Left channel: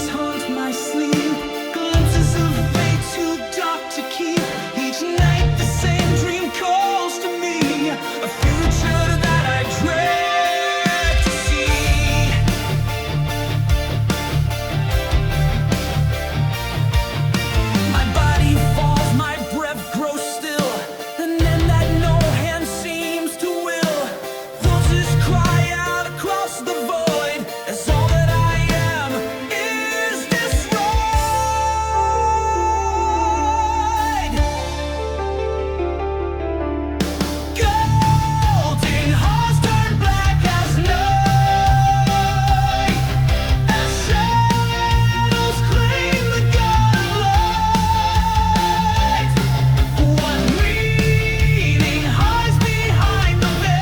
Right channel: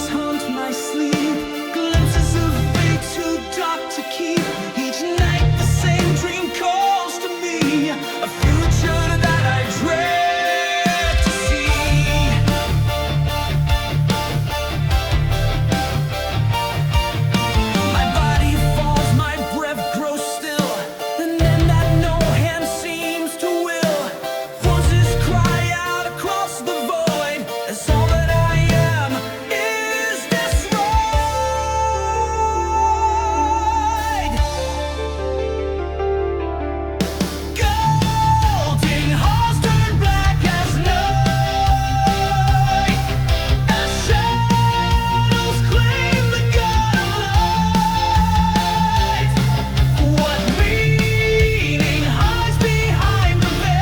visions haunt my sleep, glimpses of fate too dark to keep. Each night the same dream calls to me, a future that I dread to see. My body falls, my breath grows still, and then that no hand seems to will. Voices cry out across the void as all that I am is destroyed. Golden halls turn black as night, as shadows claim the god of light. What meaning hides behind the veil?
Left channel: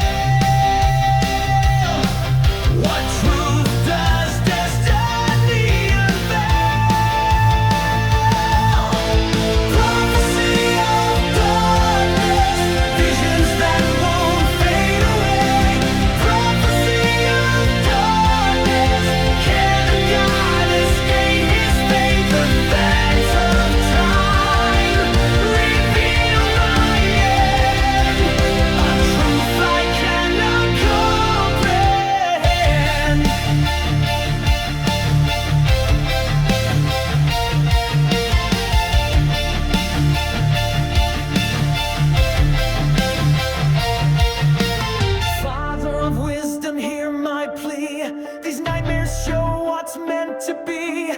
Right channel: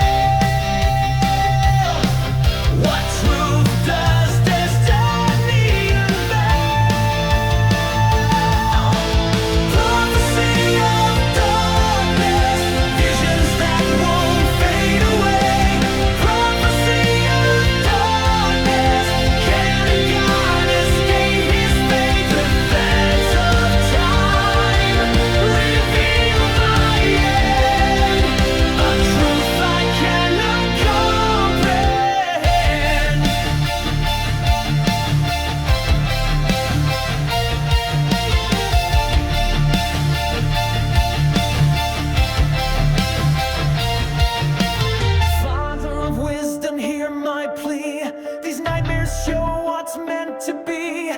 What truth does destiny unveil? Prophecy of darkness, visions that won't fade away. Prophecy of darkness, can a god escape his fate? The threads of time reveal my end, a truth I cannot comprehend. Father of wisdom, hear my plea. These nightmares show what's meant to be.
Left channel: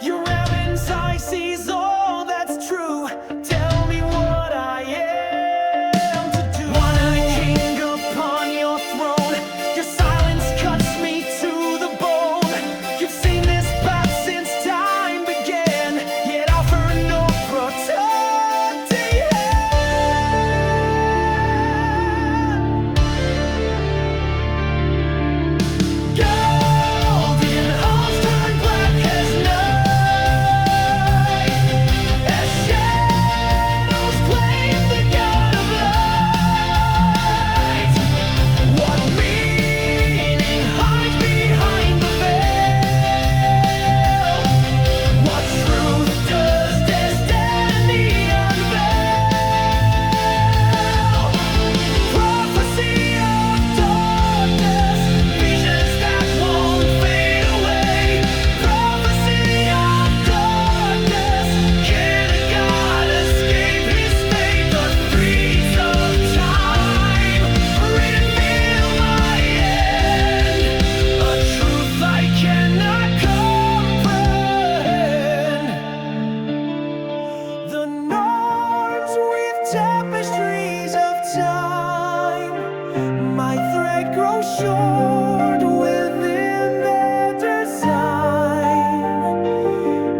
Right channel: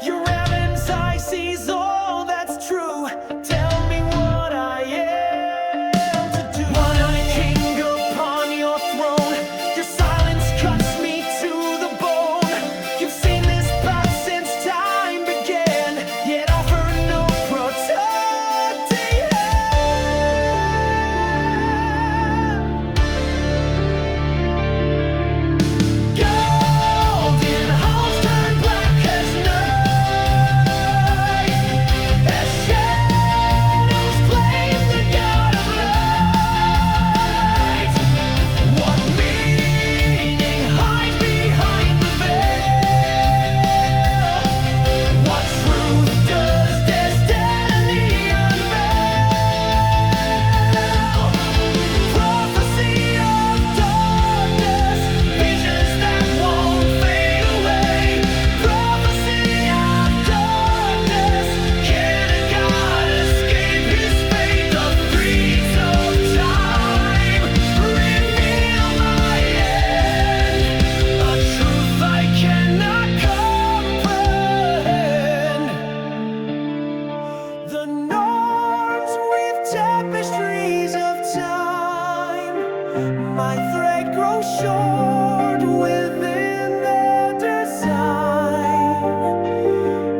Your heaven's eye sees all that's true. Tell me what I am to do. One-eyed king upon your throne, your silence cuts me to the bone. You've seen this path since time began, yet offer no protecting hand. Golden halls turn black as night, as shadows claim the god of light. What meaning hides behind the veil? What truth does destiny unveil? Prophecy of darkness, visions that won't fade away. Prophecy of darkness, can a god escape his fate? The threads of time reveal my end, a truth I cannot comprehend. The Nords weave tapestries of time, my thread grows short within their design.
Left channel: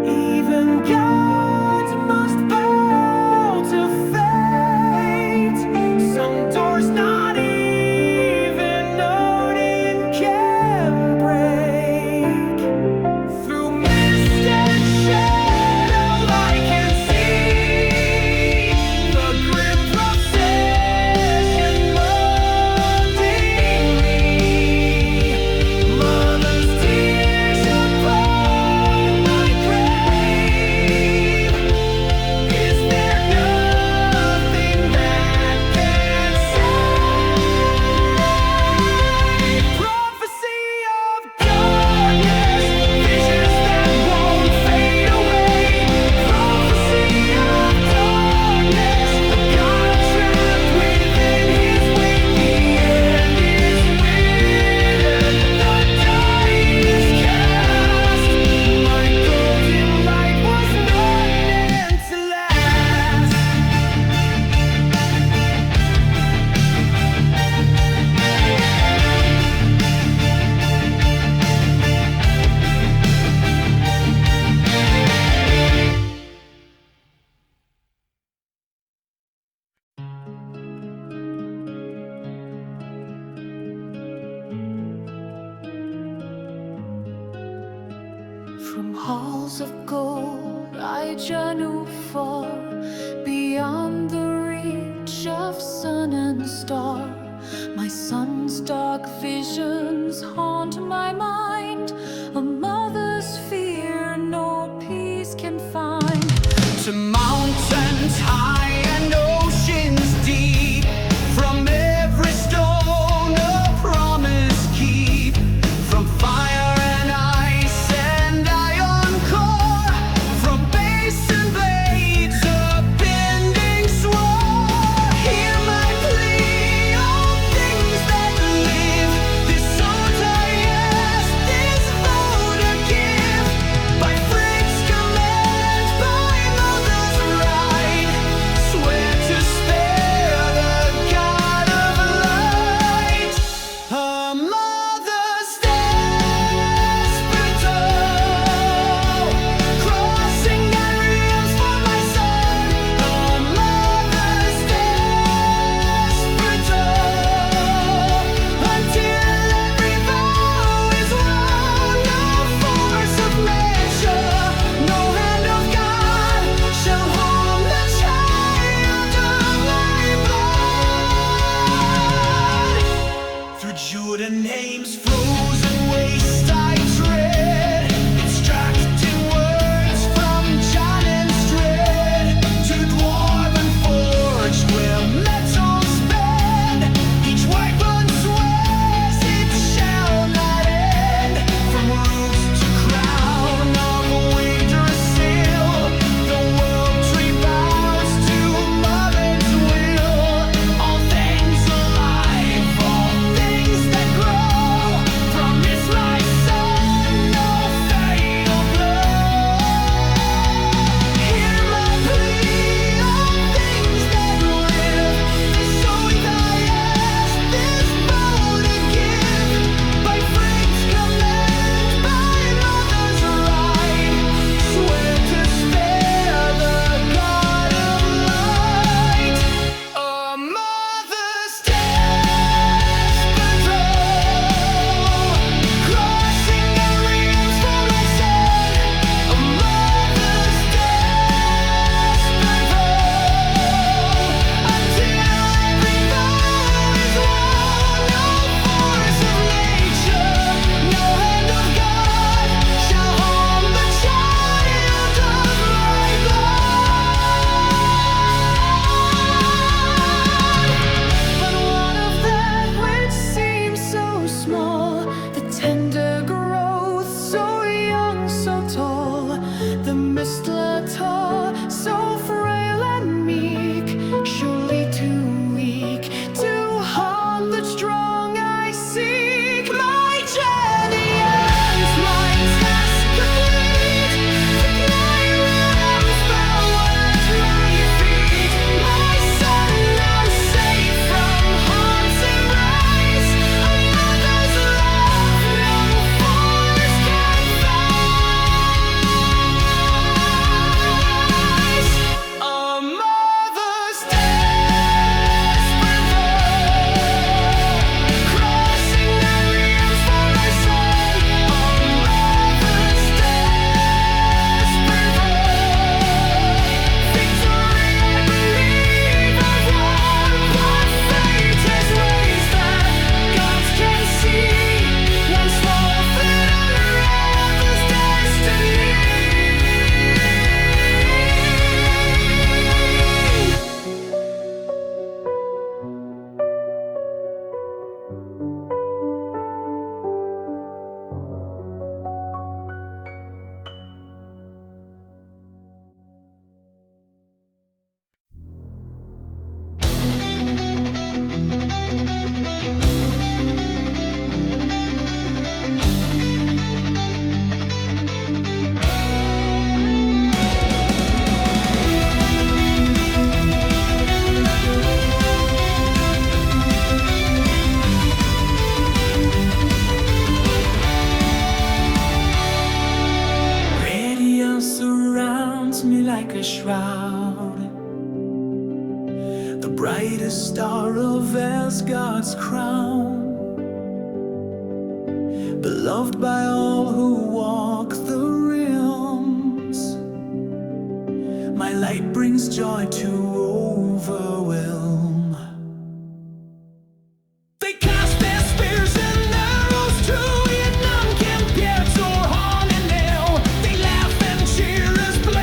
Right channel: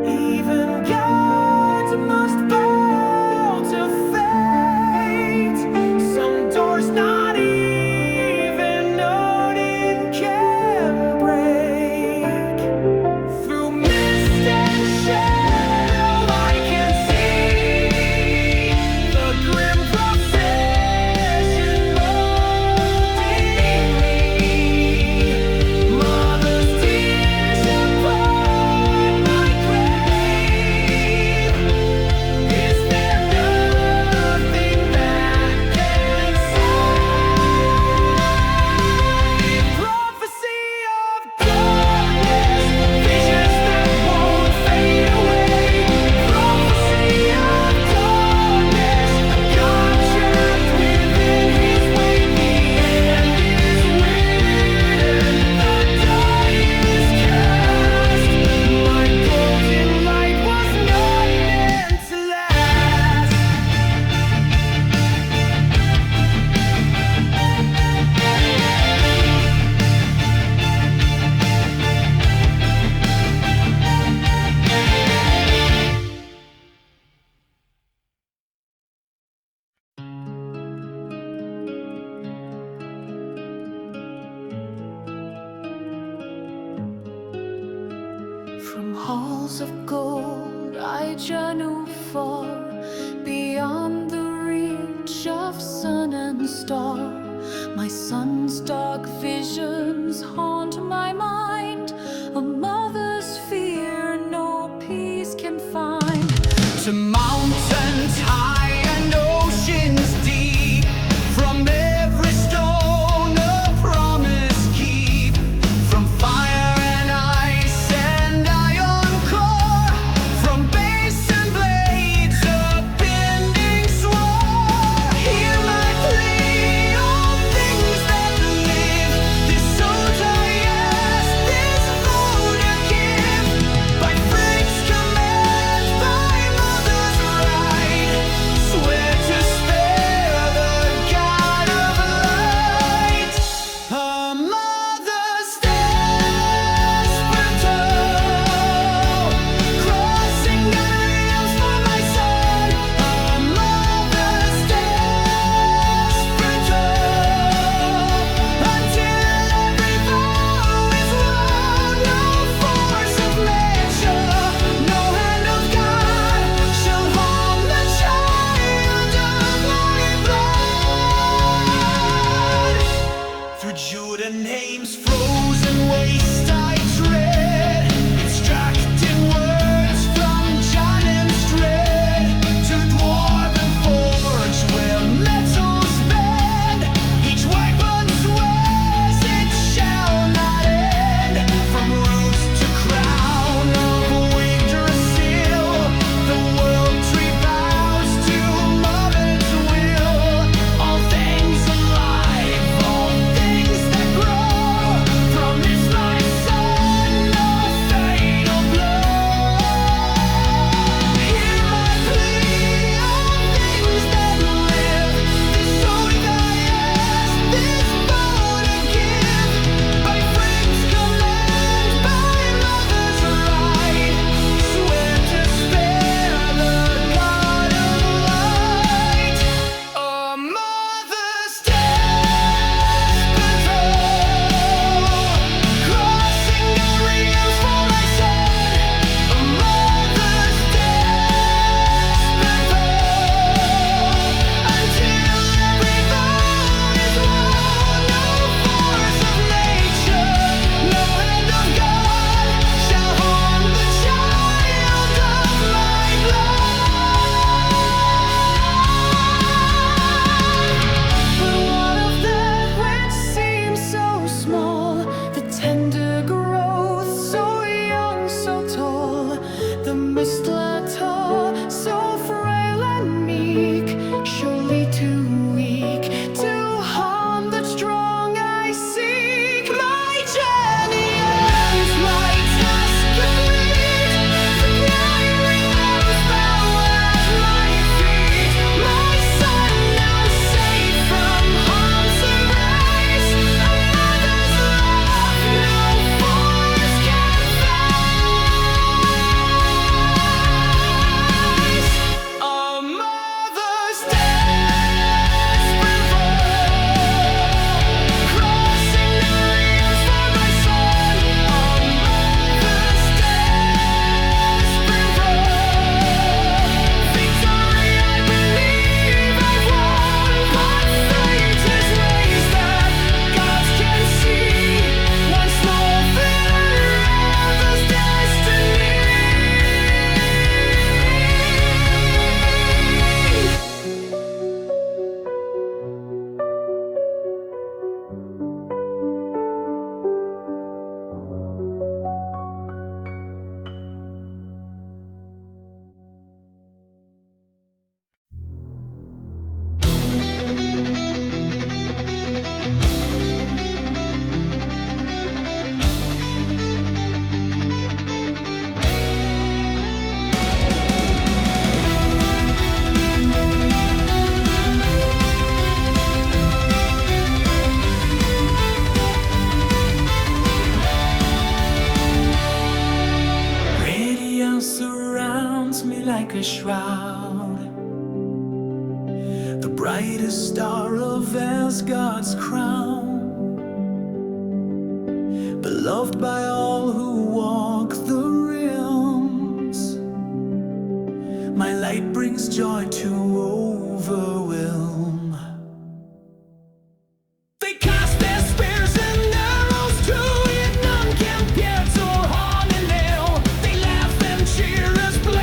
Even gods must bow to fate. Some doors not even Odin can break. Through mist and shadow I can see the grim procession mounting me. Mother's tears upon my grave. Is there nothing that can save? Prophecy of darkness, visions that won't fade away. Prophecy of darkness, a god trapped within his weight. The end is written, the die is cast. My golden light was not meant to last. From halls of gold I journey far, beyond the reach of sun and star. My son's dark visions haunt my mind, a mother's fear eyes can find. To mountains high and oceans deep, from every stone a promise keep, from fire and ice and iron core, from base and blades a bending sword. Hear my plea, all things that live, this soul I ask, this vote I give, by Freight's command, by mother's right, swear to spare the god of light. A mother's desperate toll, crossing God realms for my son. A mother's desperate toll, until every vow is won. No force of nature, no hand of God shall harm the child of my blood. Through Jotunheim's frozen waste I tread, extracting words from Jotun's dread, to dwarven forge where metals bend. Each weapon swears it shall not end. From roots to crown of Yggdrasil, the world tree bows to mother's will. All things alive, all things that grow, promise my son no fatal blow. Hear my plea, all things that live, this soul I ask, this vote I give, by Freight's command, by mother's right, swear to spare the god of light. A mother's desperate toll, crossing God realms for my son. A mother's desperate toll, until every vow is won. No force of nature, no hand of God shall harm the child of my blood. But what of that which seems so small, the tender growth, so young, so tall, the mistletoe, so frail and meek, surely too weak to harm the strong I seek. My journey ends, my task complete, the nine realms bow at my feet. My son now safe from harm's embrace, a mother's love no force can face. A mother's desperate vow, crossing the realms for my son. A mother's desperate vow, victory I believe I've won, but fate has ways that gods can see. One small thread unravels destiny. Radiance surrounds me like a shroud, the brightest star of Asgard's crown, beloved by all who walk the realms. My light brings joy to overwhelm. They cast their spears and arrows to it, none compared to Horn and nail. They laugh and cheer as blood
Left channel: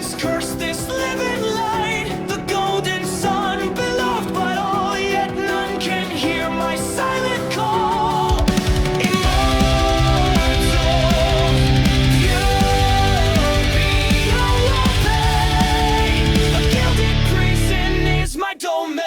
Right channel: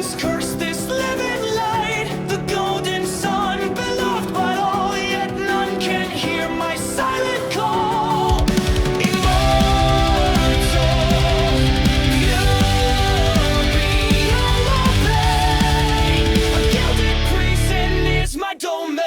demons curse this living light, the golden sun beloved by all, yet none can hear my silent call. Immortal, pure beyond all pain, a gilded prison is my domain.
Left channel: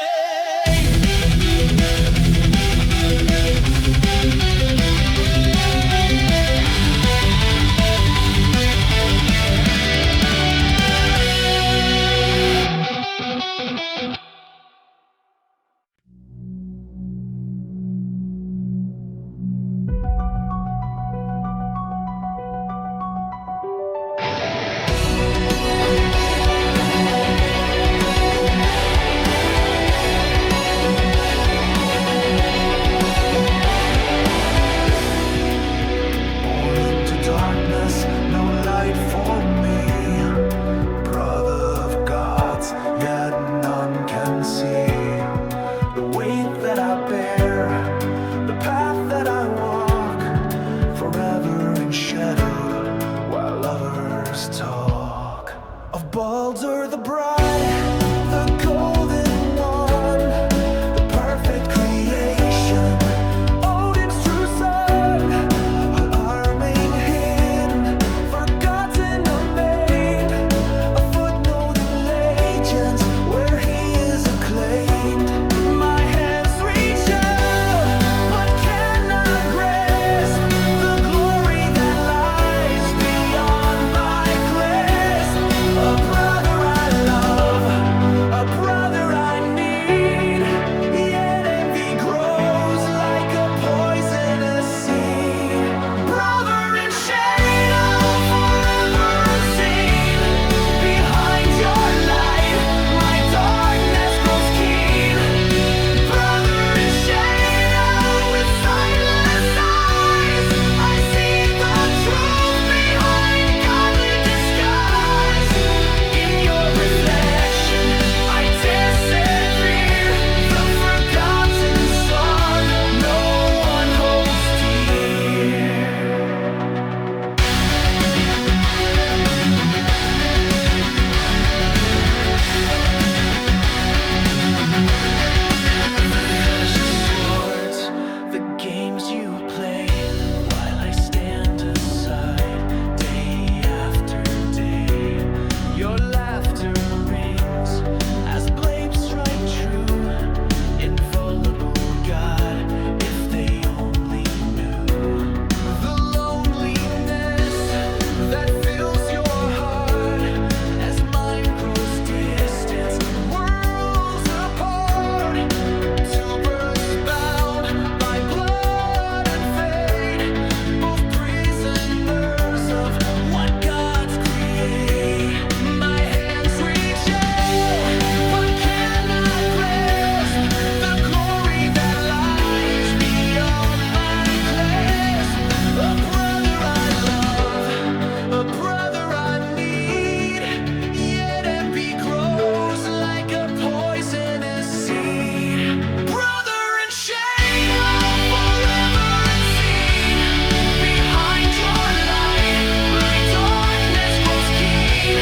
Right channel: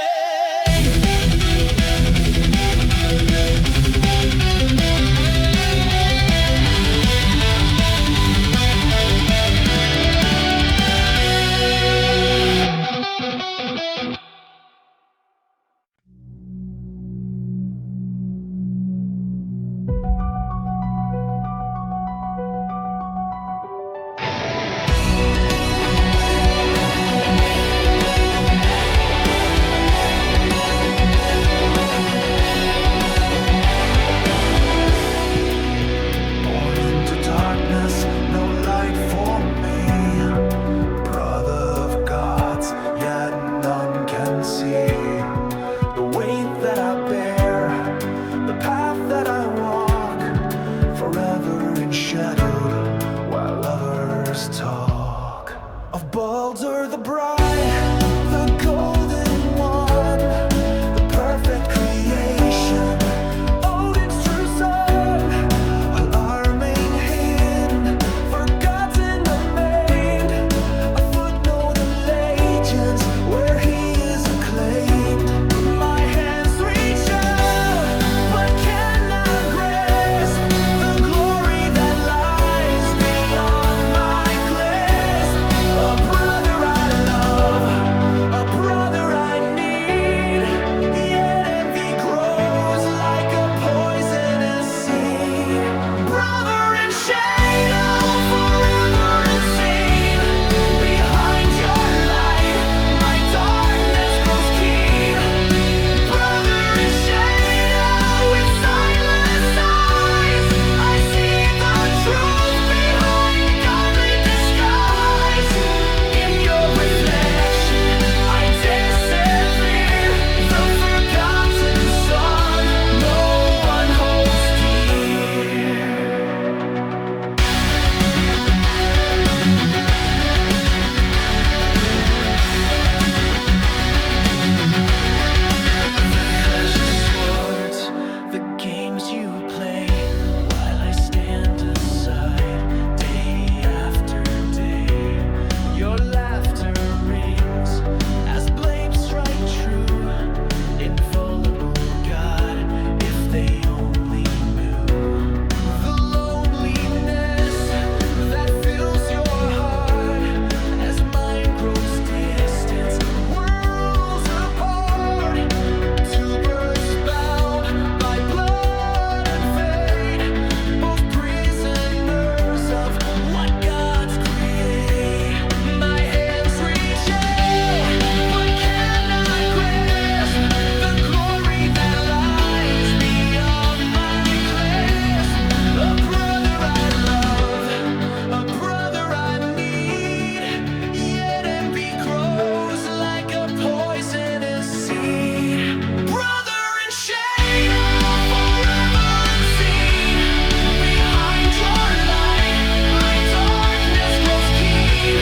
No light for me, brother of gods, yet none can see the weight that I bear, the path that I walk, forever enshadowed while others talk. Of Baldur the bright, the golden one, the perfect creation, Odin's true son, while our main hidden, forgotten, amain, a footnote in legends where he is acclaimed. My hands reach out, but cannot grasp the glory that lies beyond my clasp. A brother I love, a brother I need, yet envy grows like a poisonous seed. Brother in shadow, forever unseen, behind your light, my darkness grows keen. Brother in shadow, with sightless eyes, I see the truth behind godly disguise. In your reflection, I disappear, the forgotten son no one holds dear. The clash of swords, the games you play, while I stand aside day after day. Your laughter rings as blades strike true. Invulnerable God, if they only knew the loneliness that fills your heart as mine grows distant, worlds apart. Two births bound by blood and fate, both prisoners of what gods create. My hands reach out, but cannot grasp the glory that lies beyond my clasp. A brother I love, a brother I need, yet envy grows like a poisonous seed. Brother in shadow, forever unseen, behind your light, my darkness grows keen.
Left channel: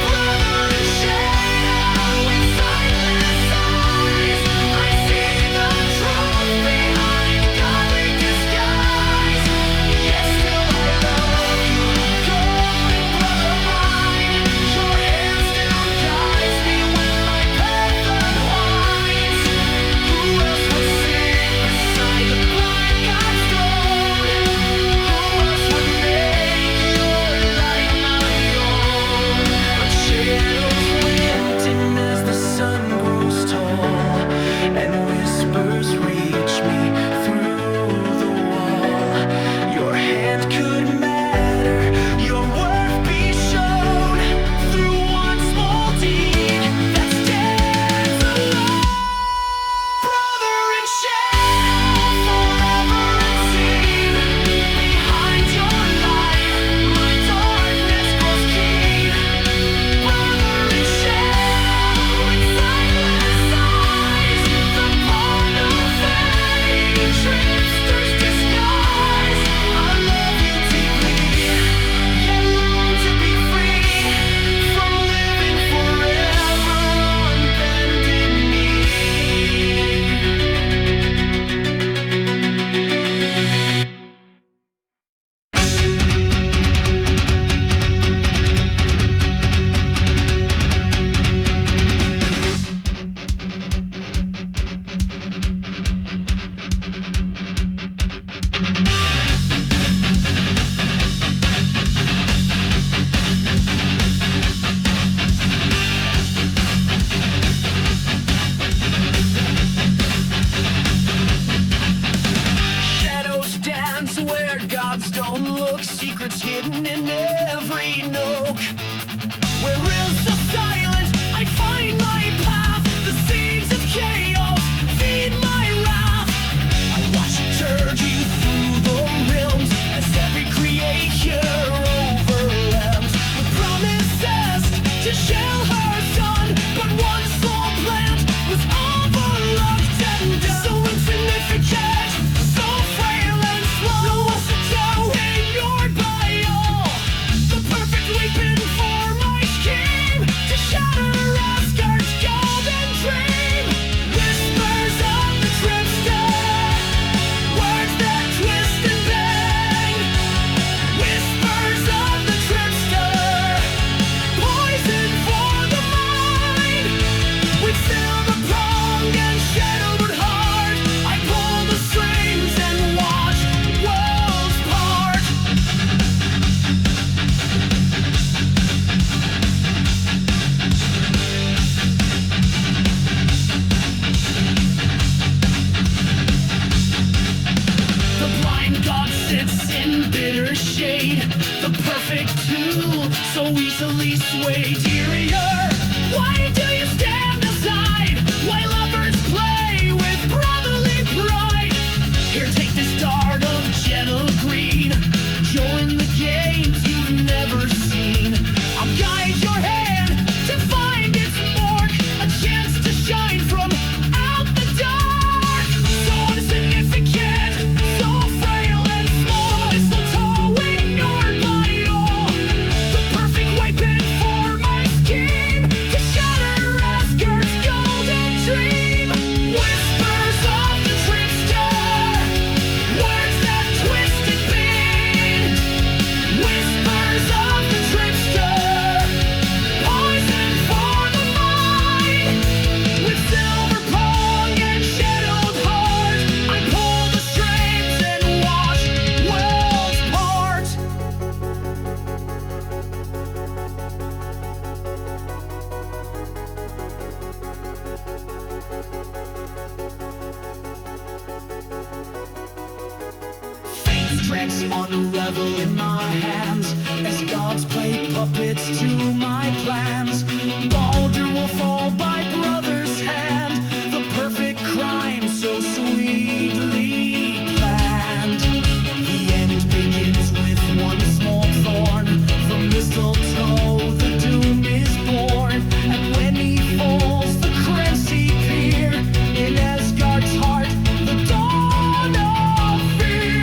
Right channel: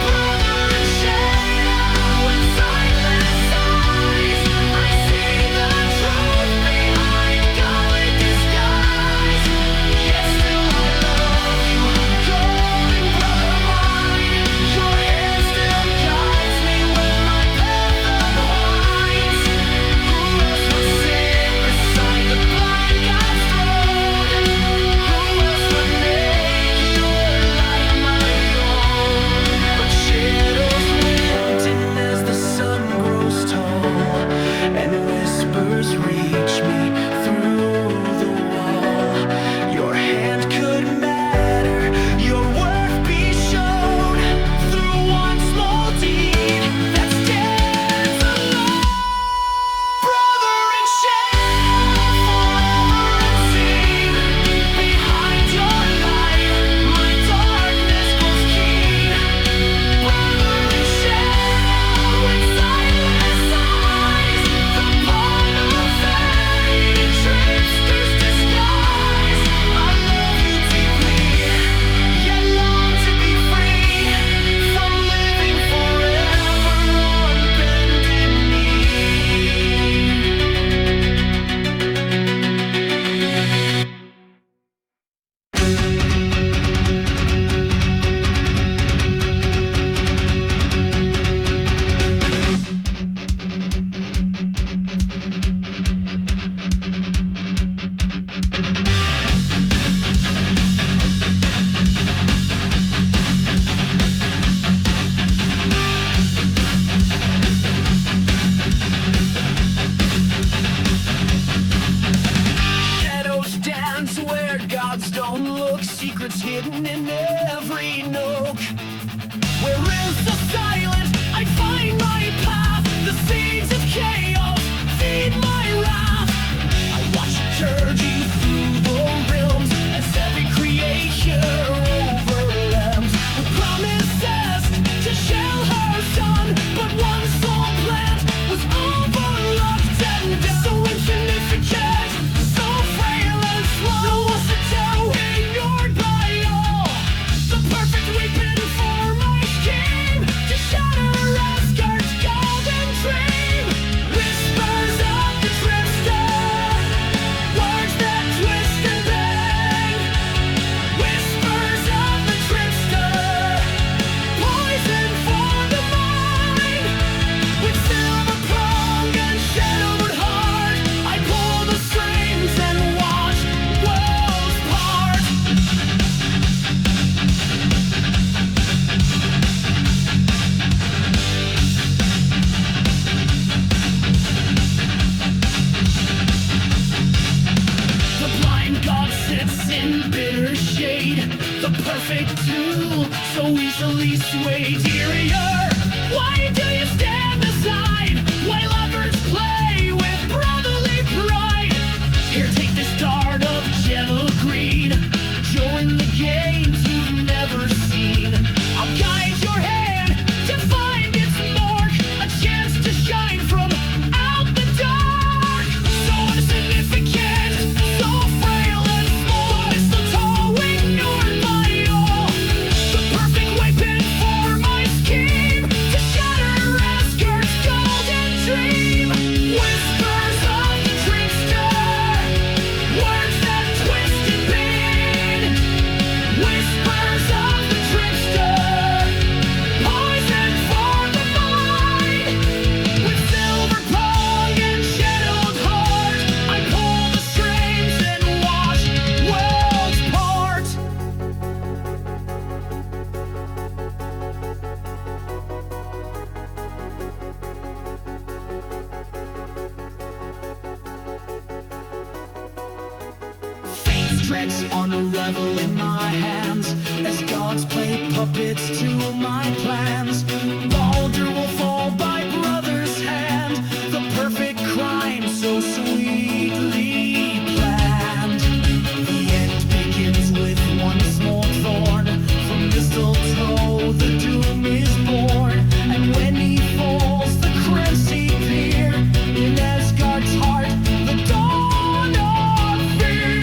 Brother in shadow, with sightless eyes, I see the truth behind godly disguise. Yet still I love you, golden brother mine. Your hand still guides me when my path unwinds. Who else would sit beside the blind God's throne? Who else would make your light my own? But shadows lengthen as the sun grows tall, and whispers reach me through the wall. Your hand could matter, your worth be shown through one small deed that stands alone. Brother in shadow, forever unseen, behind your light, my darkness grows keen. Brother in shadow, with sightless eyes, the pawn of fate in trickster's disguise. I love you deeply, hidden in every nook. Where is the silence? I find my path. The seeds of chaos feed my wrath. I watch it you through the realms as every creature overlaps with promises to shell her son. But one soul plant was overlooked and done. So insignificant, so frail and slow. No mistletoe, ignored by all. The perfect weapon for my scheme to shatter Asgard's golden dream. Whispers of the Trickster, words that twist and bang. Whispers of the Trickster, poison for the mind. With silver prong and shadowed heart, I pull the strings and watch worlds part. The blind god sits in bitter shade, the perfect tool, so easily swayed. Dear, why do you stand aside while others play with brotherly pride? Here, take this dart of gentle green. Join the games you've never seen. I'll guide your hand to find its mark, a chance to shine from out the dark. So insignificant, so frail and small. The mistletoe ignored by all. The perfect weapon for my scheme to shatter Asgard's golden dream. Whispers of the Trickster, words that twist and bend. Whispers of the Trickster, poison for the mind. With silver prong and shadowed heart, I pull the strings and watch worlds part. Fate strikes unravel in my hands as gods play puppets to my plans. Baldur will fall by brother's hand, the perfect crime so sweetly planned. The end begins with one small thorn. From mistletoe the doom is born, and when he falls the crazy peer in Asgard's heart, the dawn of fear.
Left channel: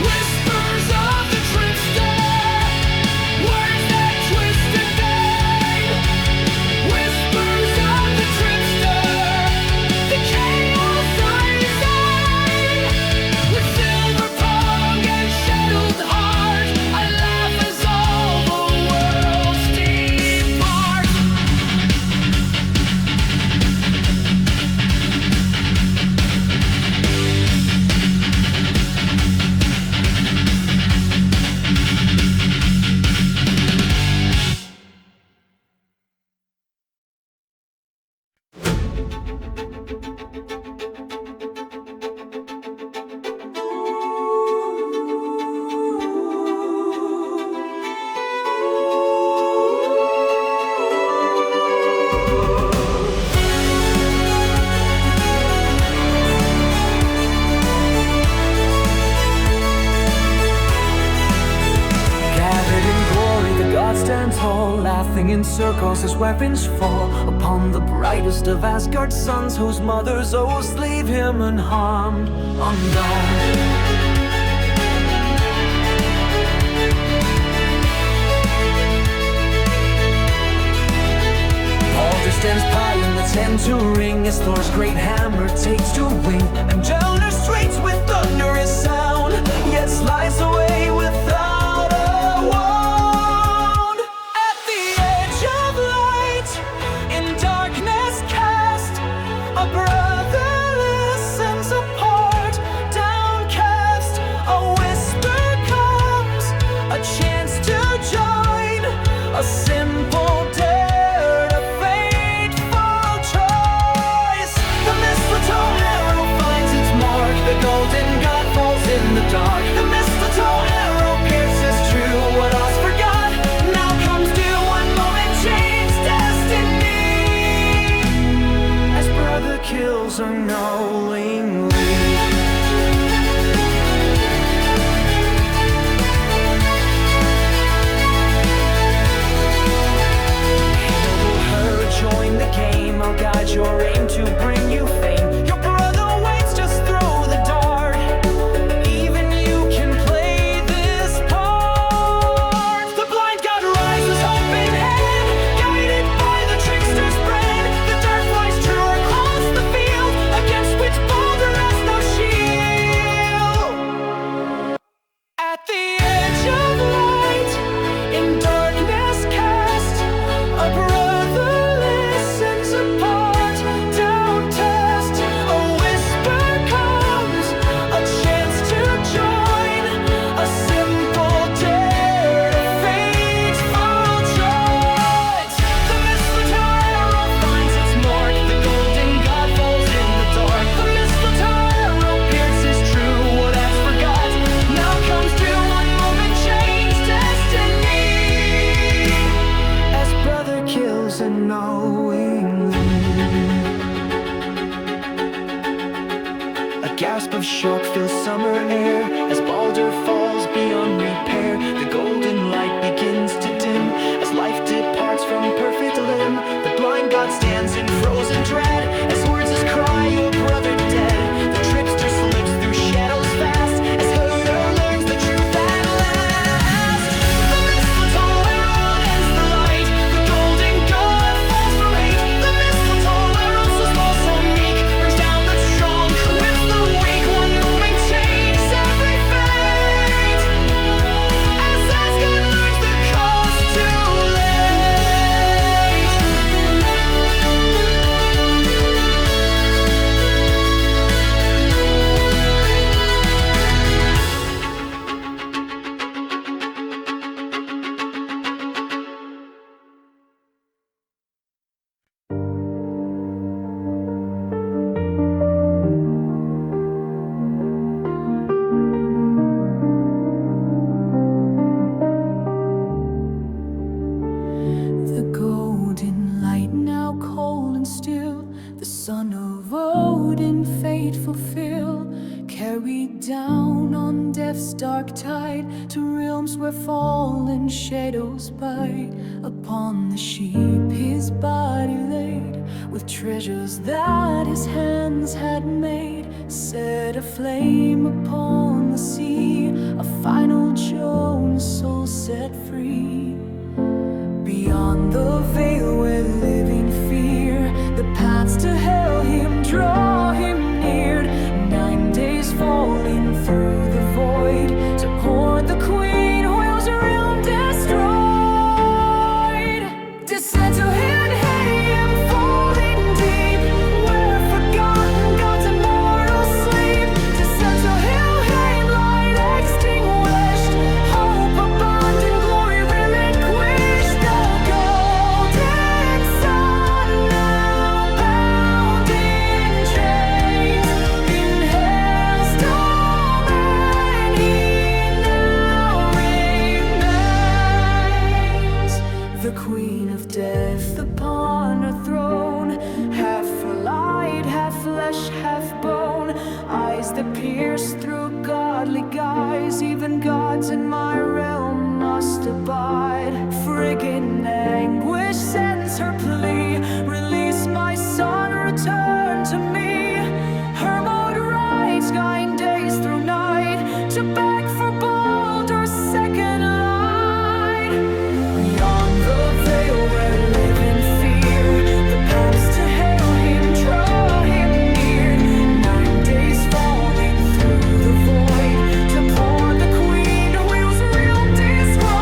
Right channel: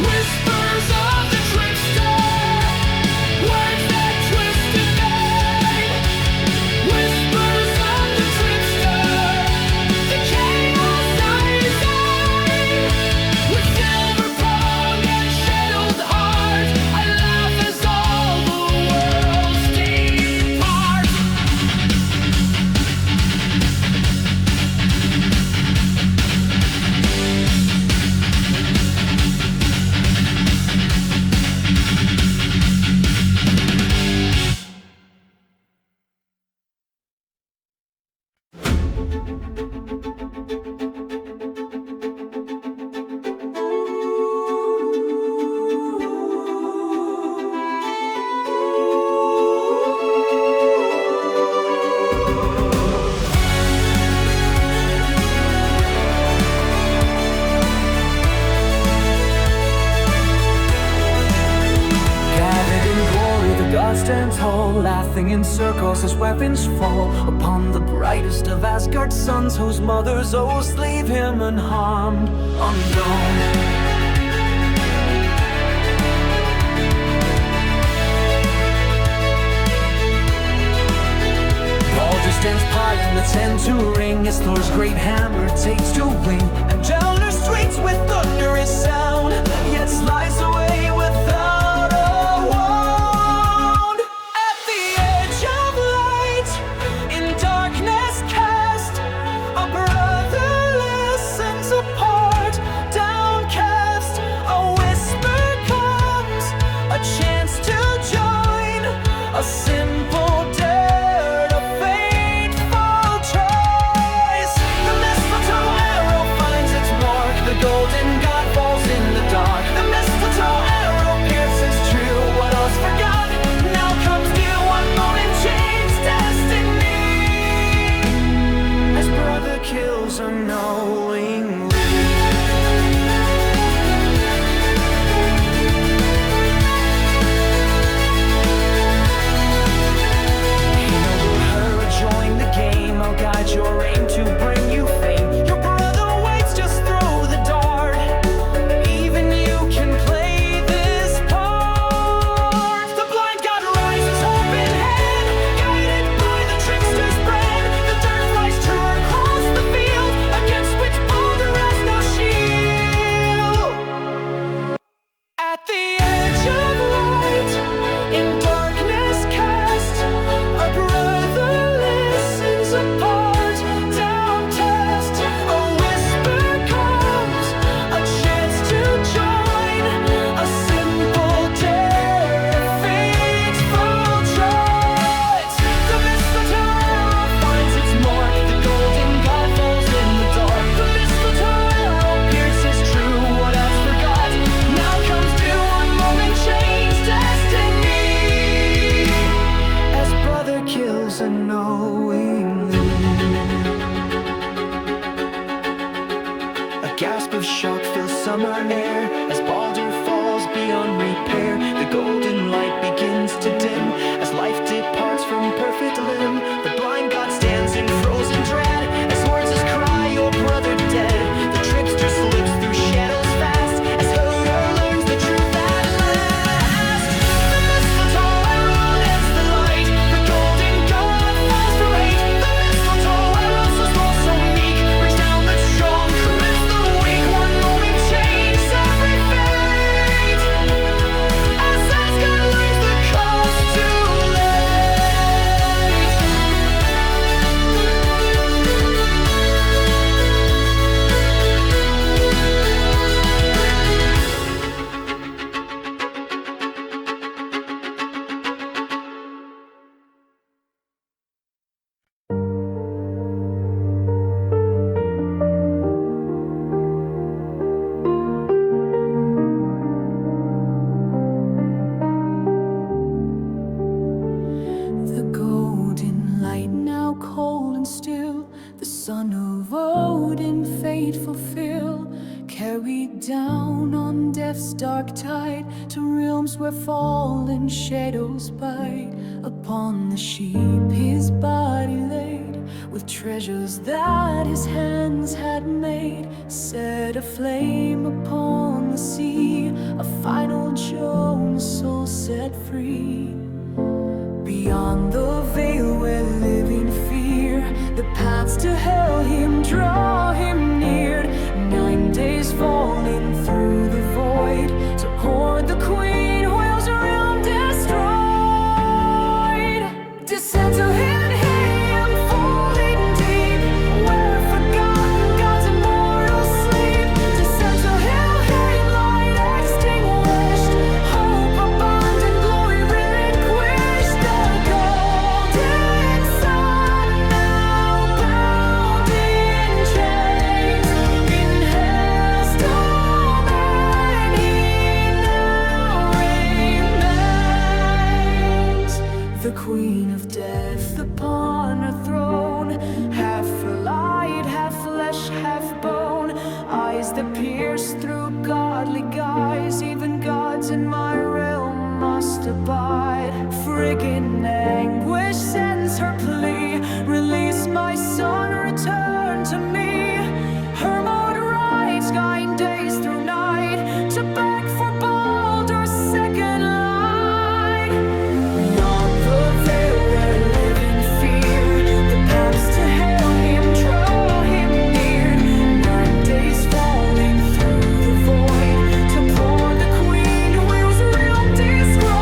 Whispers of the Trickster, words that twist and bend. Whispers of the Trickster, the chaos I design. With silver prong and shadowed heart, I laugh as all the worlds depart. Gathered in glory, the god stands tall, laughing in circles as weapons fall upon the brightest of Asgard's sons, whose mother's oaths leave him unharmed, undone. Baldur stands high in the tent to ring as Thor's great hammer takes to wing, and Mjolnir straits with thunderous sound, yet slides away without a wound. golden god falls in the dark. The mistletoe arrow pierces true what us forgot. Now comes due, one moment change destiny, as brother kills unknowingly. Her join the game, I'll guide your aim to bring you fame. Your brother waits, just throw the dart. Even you can play this part. The blind god rises, hope in hand, guided by the trickster's brand. The dart flies true across the field, against which Baldur has no shield. At the edge of light, in darkness cast, a brother listens apart, down test. A whisper comes, a chance to join, a simple dare, a fateful choice. The mistletoe arrow finds its mark, the golden god falls in the dark. The mistletoe arrow pierces true what has forgot. Now comes due, one moment change destiny, as brother kills unknowingly. A gasp of shock fills summer air, as Baldur falls beyond repair. The golden light begins to dim, as life departs from perfect limb. The blind god stands in frozen dread, as words his cry, your brother dead. The trickster slips through shadows fast, as Höðr learns the truth at last. The mistletoe arrow ends the light, the golden god falls from hate. The mistletoe arrow, so small, so meek, brings down the strong, commits the weak. One moment changes every fate, as Asgard learns the cost too late. The golden light now cold and still, the son of Odin fate fulfill, carried down on death's dark tide to realms where fallen shadows bite. Upon the sheep his body laid, with treasures that his hands had made, set aflame upon the sea, a final Jones soul set free. Beyond the veil where living fear, the paths to Helheim draw him near. 9 days falling through the void, to hoard the queen whale's realm destroyed. Descend to Helheim, falling deep, where forgotten gods immortal sleep. Descend to Helheim, light extinguished, hope abandoned, glory relinquished. The golden sun now bound in chains, in hell's domain he now remains. The queen of death upon her throne, half light, half flesh, half bone, eyes that pierce through godly guise. Even gods in my realm must abide. Friggin' anguish sends her plea, release my son, return to me. Hermod rides, guiding days through night, to beg for Baldur's second light. Beyond the veil where living fear, the paths to Helheim draw him near. 9 days falling through the void, to pour the queen whose realm destroyed.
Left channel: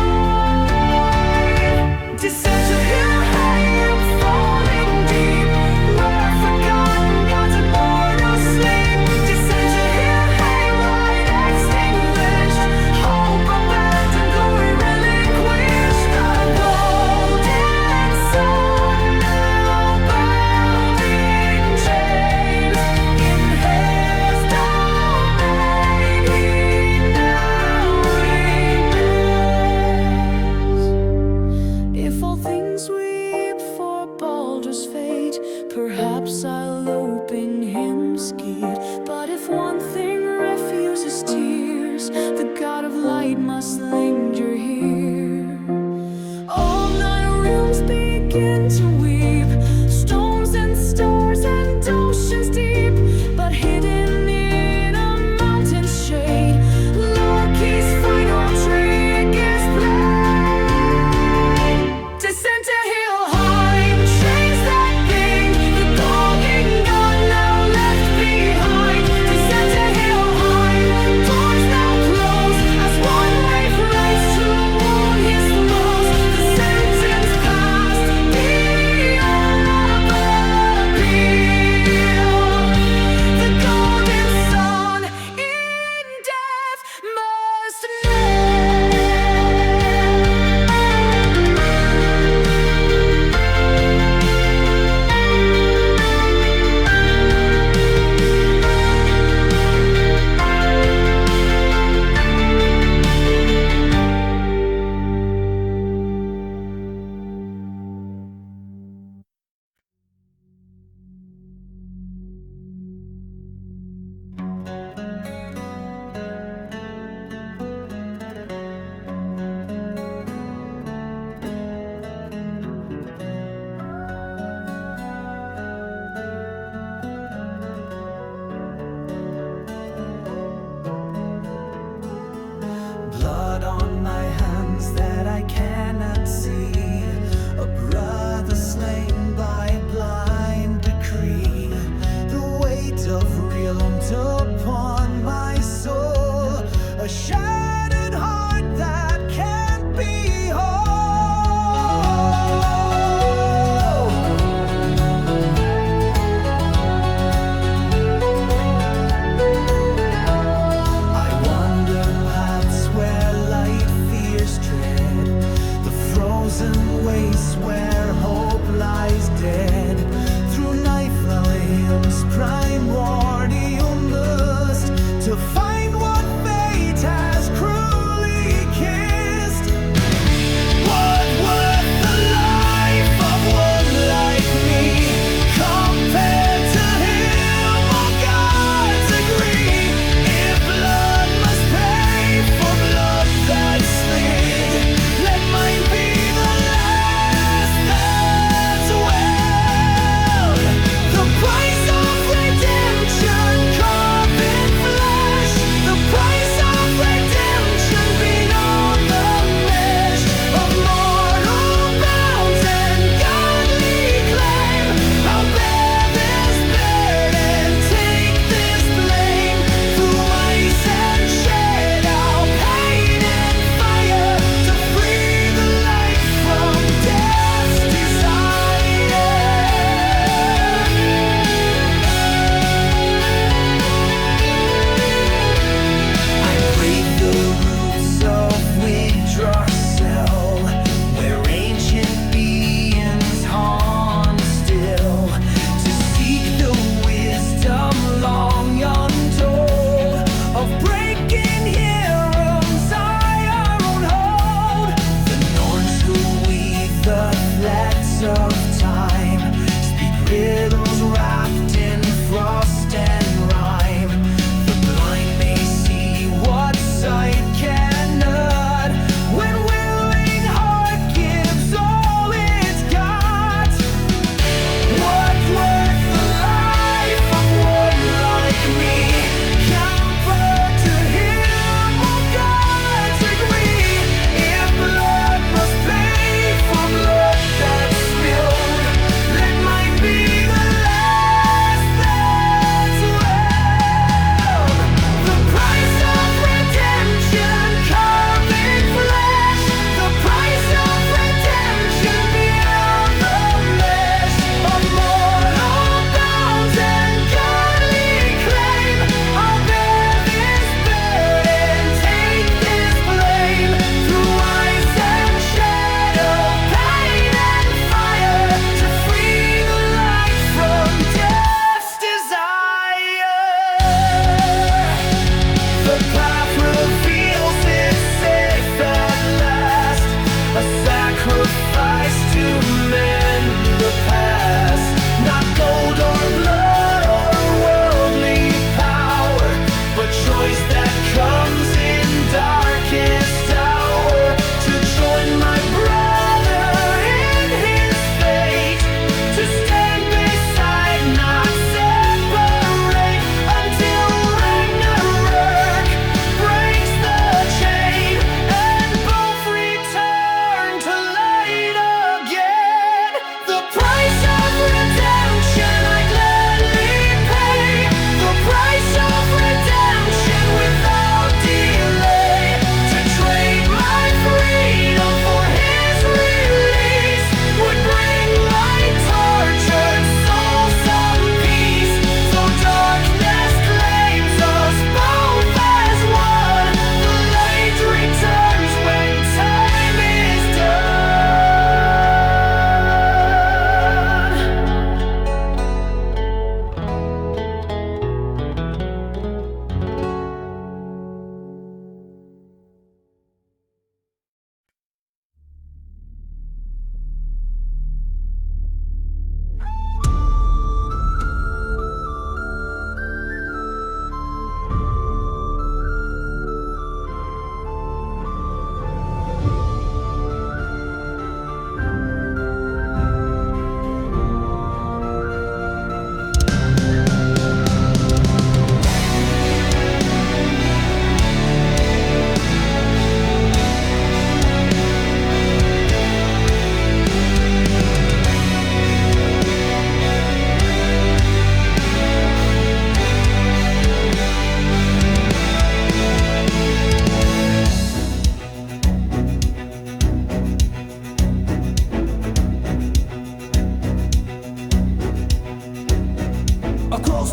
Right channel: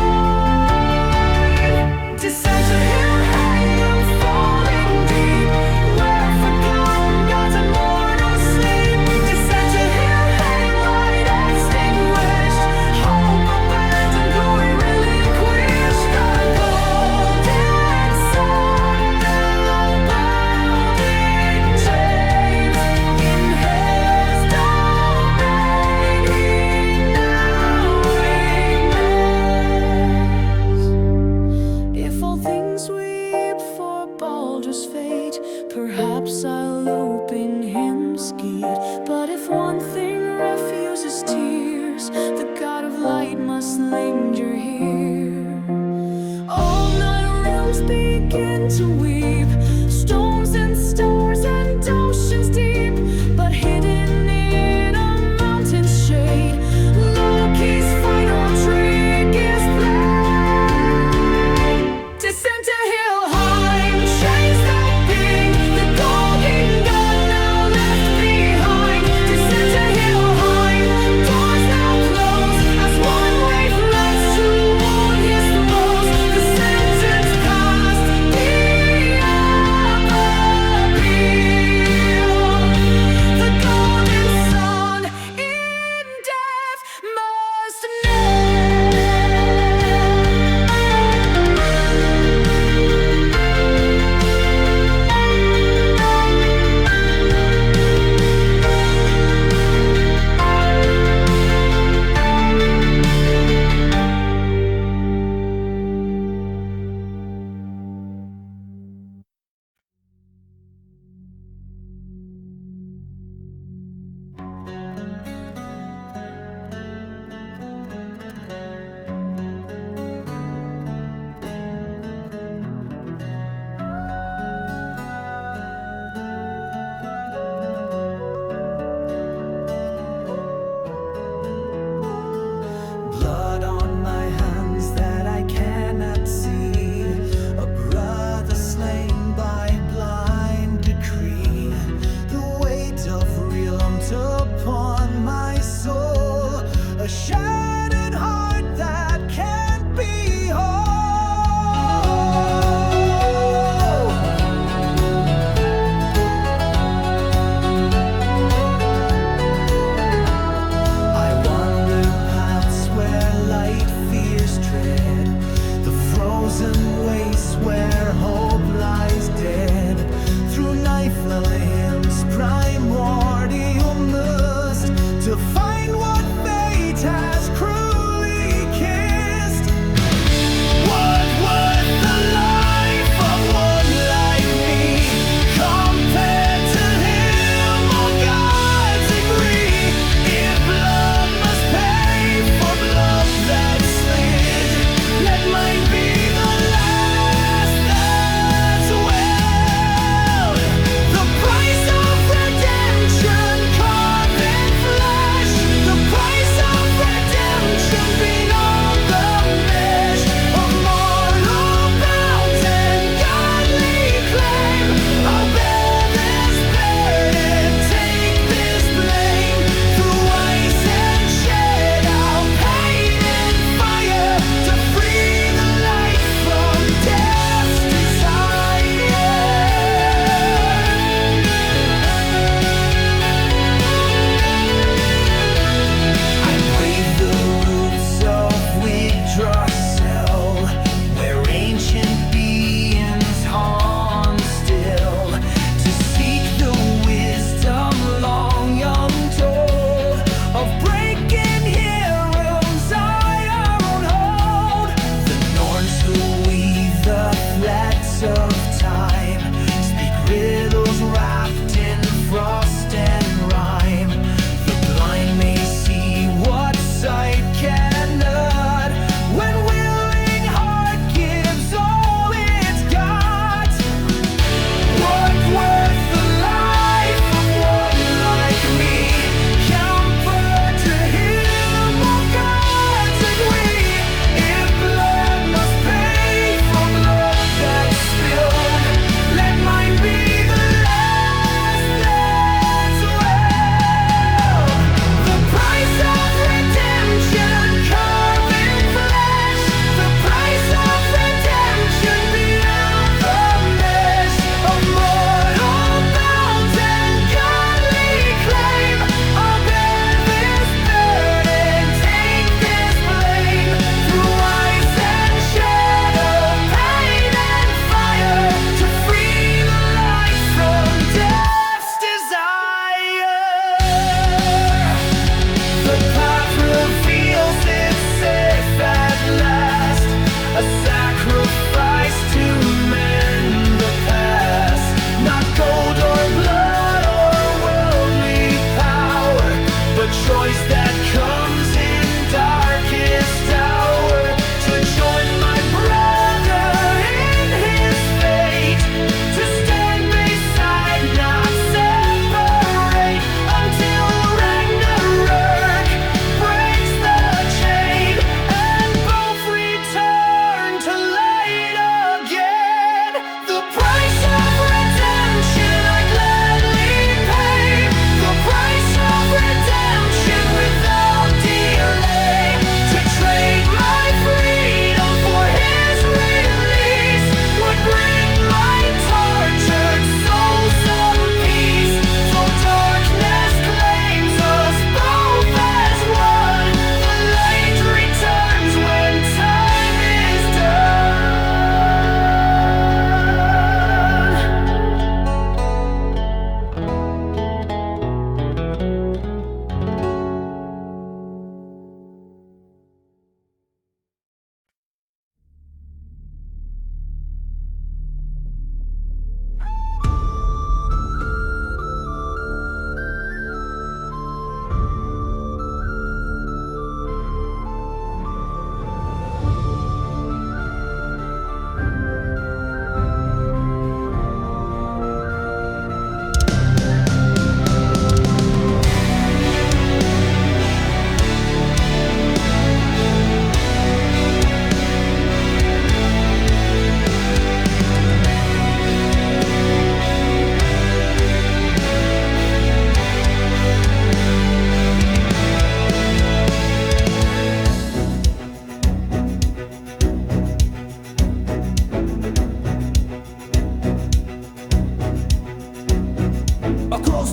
Descend to Helheim, falling deep, where forgotten gods immortal sleep. Descend to Helheim, light extinguished, hope abandoned, glory relinquished. The golden sun now bound in chains, in his domain earthlings weep for Baldur's fate, perhaps I'll open him skeet. But if one thing refuses tears, the god of light must linger here. All 9 realms begin to weep, stones and stars and oceans deep. But hidden in a mountain's shade, Loki's final trick is played. Descend to Helheim, chains that bang, the golden god now left behind. Descend to Helheim, doors now close, as one wraith rides to warn his throes. The sentence passed, beyond appeal. The golden sun in death must kneel. Blood on my hands that I cannot see, a brother slain by blind decree. The weight of realms upon my soul, a shattered heart that can't be whole. I wander paths where light fears tread, the frozen wastes where hope lies dead. Through Niflheim's primordial mist, to find what fate has cruelly kissed. What worth the life of one like me, compared to him all gods agree. If blood must pay for blood that slid, let mine be the last that's wed. The price of redemption carved in flesh, the price of redemption beyond the mesh of mortal bounds and godly claim. I'll bear this burden, take this blame. Through ice and shed, I'll pain and fire, to free the light from death's desire. I brave the roots of Yggdrasil, where ancient beings haunt still, to seek the wisdom long untold of breaking Hyrum's iron hold. The Norns who weave the threads of time speak riddles wrapped in frost and rhyme. The blind may see what sight cannot, when willing heart gives all it's got. What worth the life of one like me, compared to him all gods agree. If blood must pay for blood that's spilled, let mine be the last that's wed. The price of redemption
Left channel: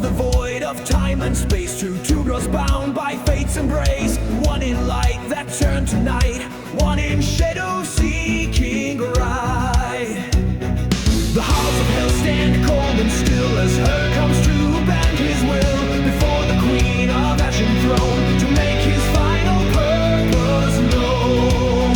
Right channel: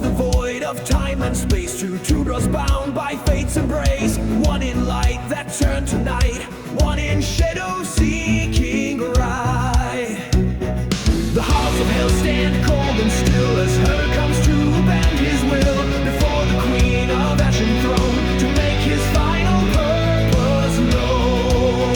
the void of time and space. Two bros bound by fate's embrace. One in light that turned to night, one in shadow seeking right. The halls of hell stand cold and still as Höðr comes to bend his will before the queen of ashen throne to make his final purpose known.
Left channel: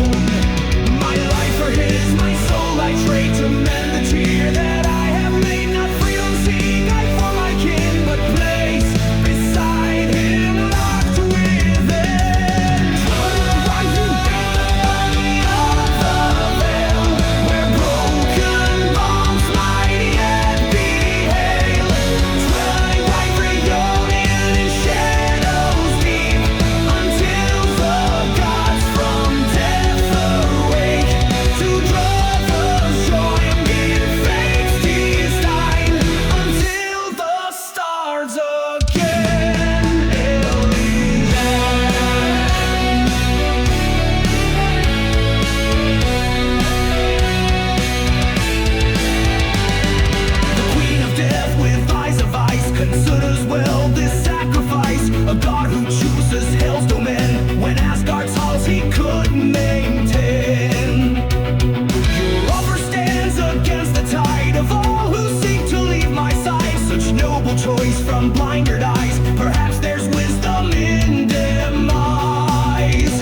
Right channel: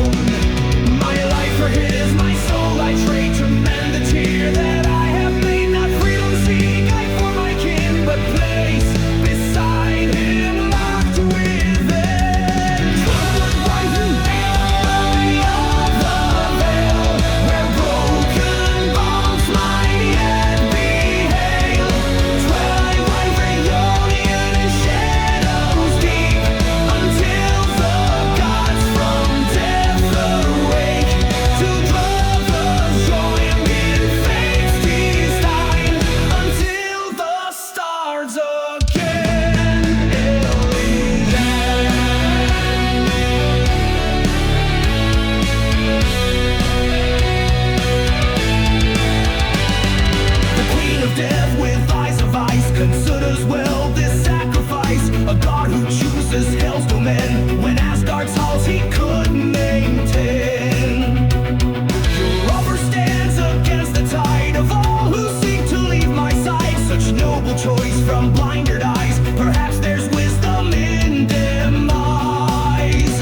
My life for his, my soul I trade to mend the tear that I have made. Not freedom seek I for my kin, but place beside him locked within. Twilight Reunion of the veil, where broken bones might yet be hail. Twilight Reunion in shadows deep, until the gods from death awake to draw the joy in fate's design, until the stars again alien. The queen of death with eyes of ice considers well this sacrifice. A god who chooses hell's domain when Asgard's halls he could maintain. Your offer stands against the tide of all who seek to leave my side. Such noble choice from blinded eyes, perhaps there's wisdom in demise.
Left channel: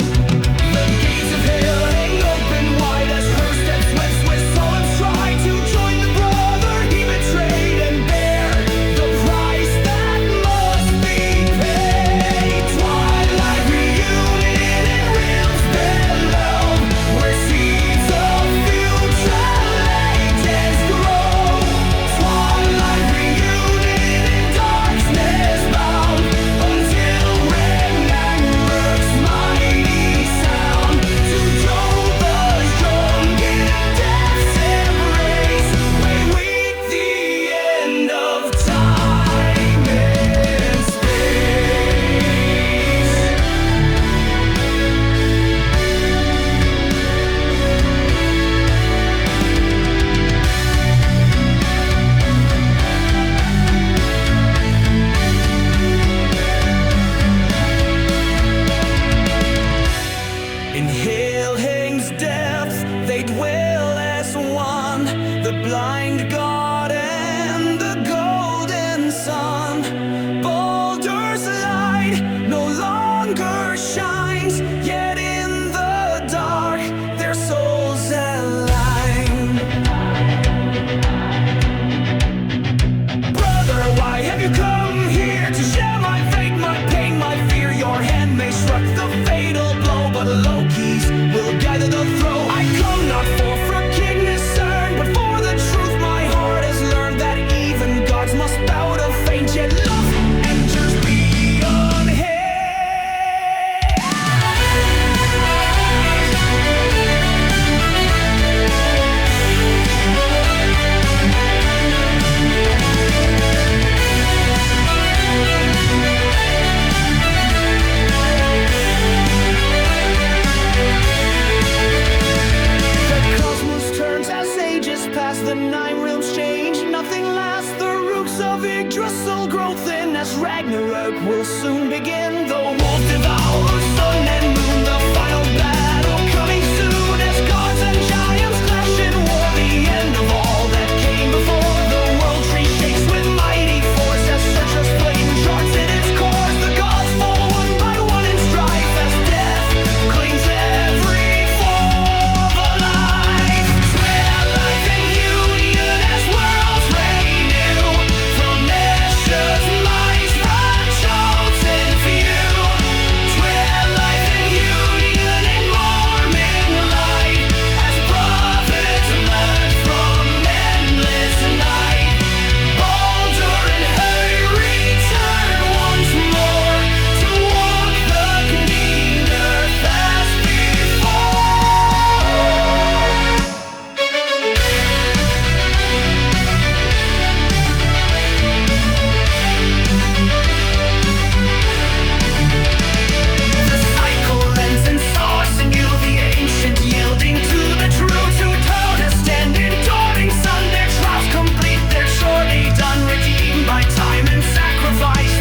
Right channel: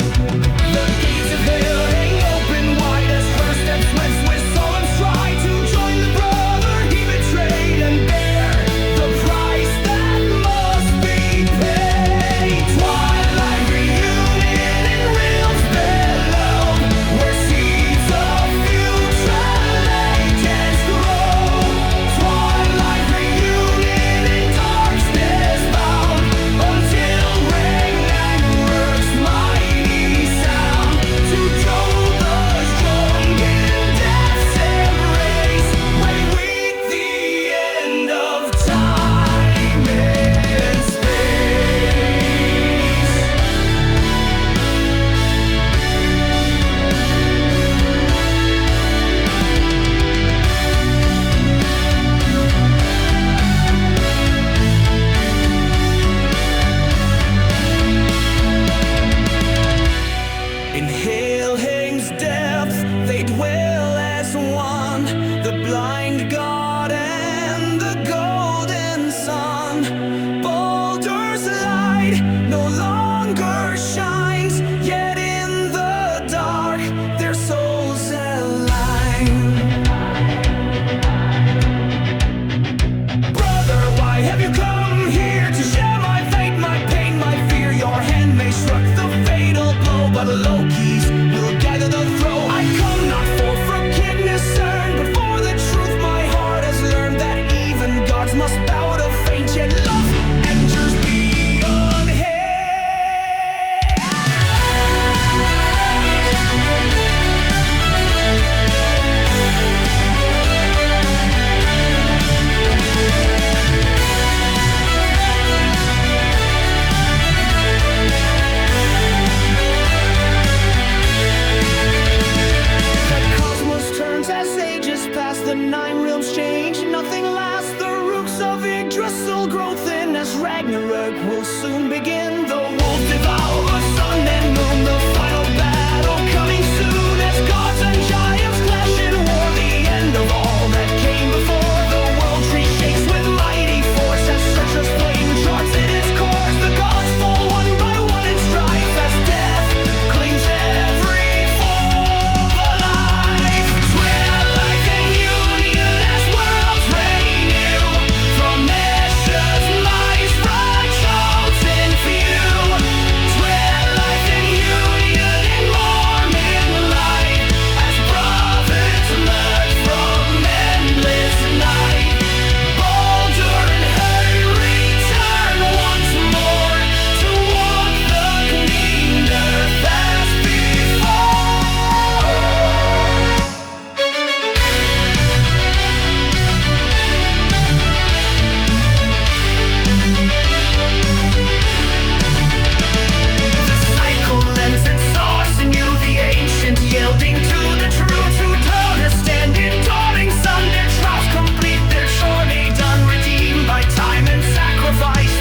The gates of hell hang open wide as her steps weds with solemn stride to join the brother he betrayed and bear the price that must be paid. Twilight Reunion in realms below, where seeds of future legends grow. Twilight Reunion in darkness bound, until Ragnarök's mighty sound to Joe the young in death's embrace. Way with the end of time and space. In Helheim's depths they dwell as one, the blind god and the golden sun. Baldur's light no longer shines, yet in the dark their souls align. Brother, why have you come here to share my fate, my pain, my fear? Your hand may struck the fatal blow, but Loki's will guide the throw. I come not for forgiveness earned, but for the truth my heart has learned, that even gods must bow to fate, yet love enters beyond hate. Cosmos turns as ages pass, the nine realms change, nothing lasts. The roots of Yggdrasil grow thin as Ragnarök will soon begin. The wolves devour sun and moon, the final battle coming soon as gods and giants clash in war. The end of all that came before. The world tree shakes with mighty force as Searcher's plane charts in its course. The gods fall one by one in strife as death clings every form of life. Twilight Reunion as worlds renew, from Escher's mice right chosen few. Twilight Reunion in morning light, as prophets emerge from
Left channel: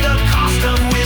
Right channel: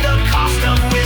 the cost of wisdom.